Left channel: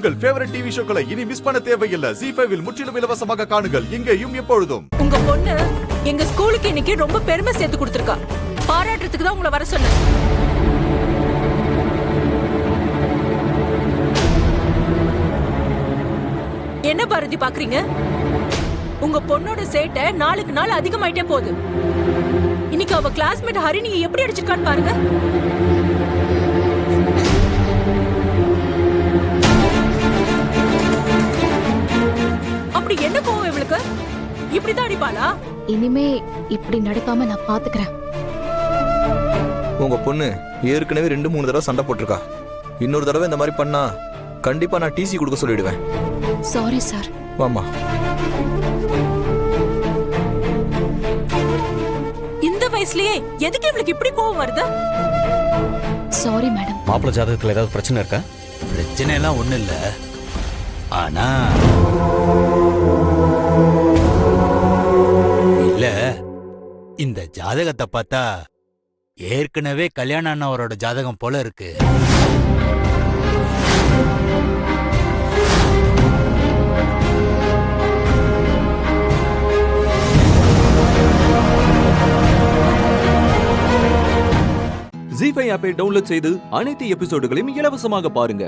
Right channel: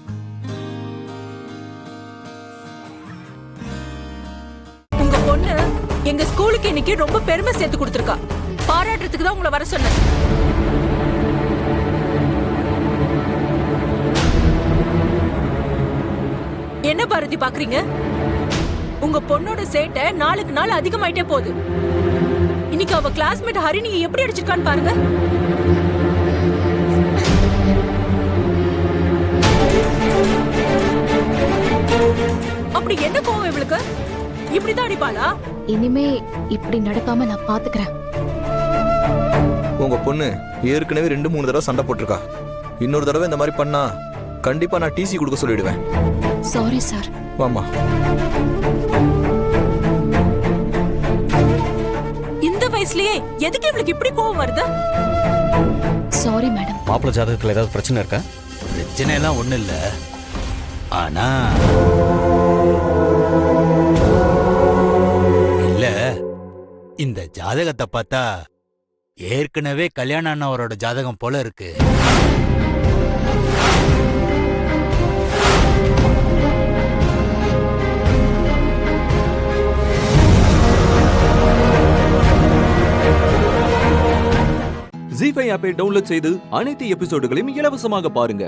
உங்கள் favourite TV ஷோக்களை இனி miss பண்ண தேவையில்லை. ZEE5 இல் முற்றிலும் இலவசமாக காணுங்கள். இங்கேயும் எப்பொழுதும். உங்க பொண்ணு எங்க ஸ்கூலுக்கு இன்னைக்கு ரொம்ப பெருமை சேர்த்து கொடுத்திருக்கா. பாராட்டுறதுக்கு தான் உங்களை வர சொன்னேன். என்ன பாரதி பாக்குறீங்க? உங்க பொண்ணோட சேட்டை நாளுக்கு நாள் அதிகமாயிட்டே போகுது. இன்னைக்கு அவ கிளாஸ்மேட் ஹரிணியை எப்படி அடிச்சிருக்கான்னு பாருங்க. அப்படி என்ன கோவம் இவளுக்கு? இப்படிதான் அடிப்பாளா? இனிமே இப்படி நடக்காம நான் பாத்துக்கிறேன். உங்க பொண்ணு ஏற்கனவே 2-3 தடவை சண்டை போட்டிருக்கா. இன்னொரு தடவை இந்த மாதிரி பண்ணா கண்டிப்பா நான் டிசி கொடுக்க சொல்லிடுவேன். Sorry sir. வாமா. இந்த வயசுலயே எதுக்கு இவளுக்கு இப்படி கோவம் வருது? Sorry madam. மாப்பிள்ளை ஜாதகத்துல ஏதாவது பிரச்சனை இருக்கா? பிரச்சனை எல்லாம் ஒண்ணு இல்ல. ஆனா இல்ல, இந்த ஜாதகத்தை பார்த்தா ஏற்கனவே கல்யாணம் ஆனவரோட ஜாதகம் போல இருக்கு. ZEE5 ஆப்பை டவுன்லோட் செய்து அனைத்து எபிசோடுகளையும் இலவசமாக பாருங்க.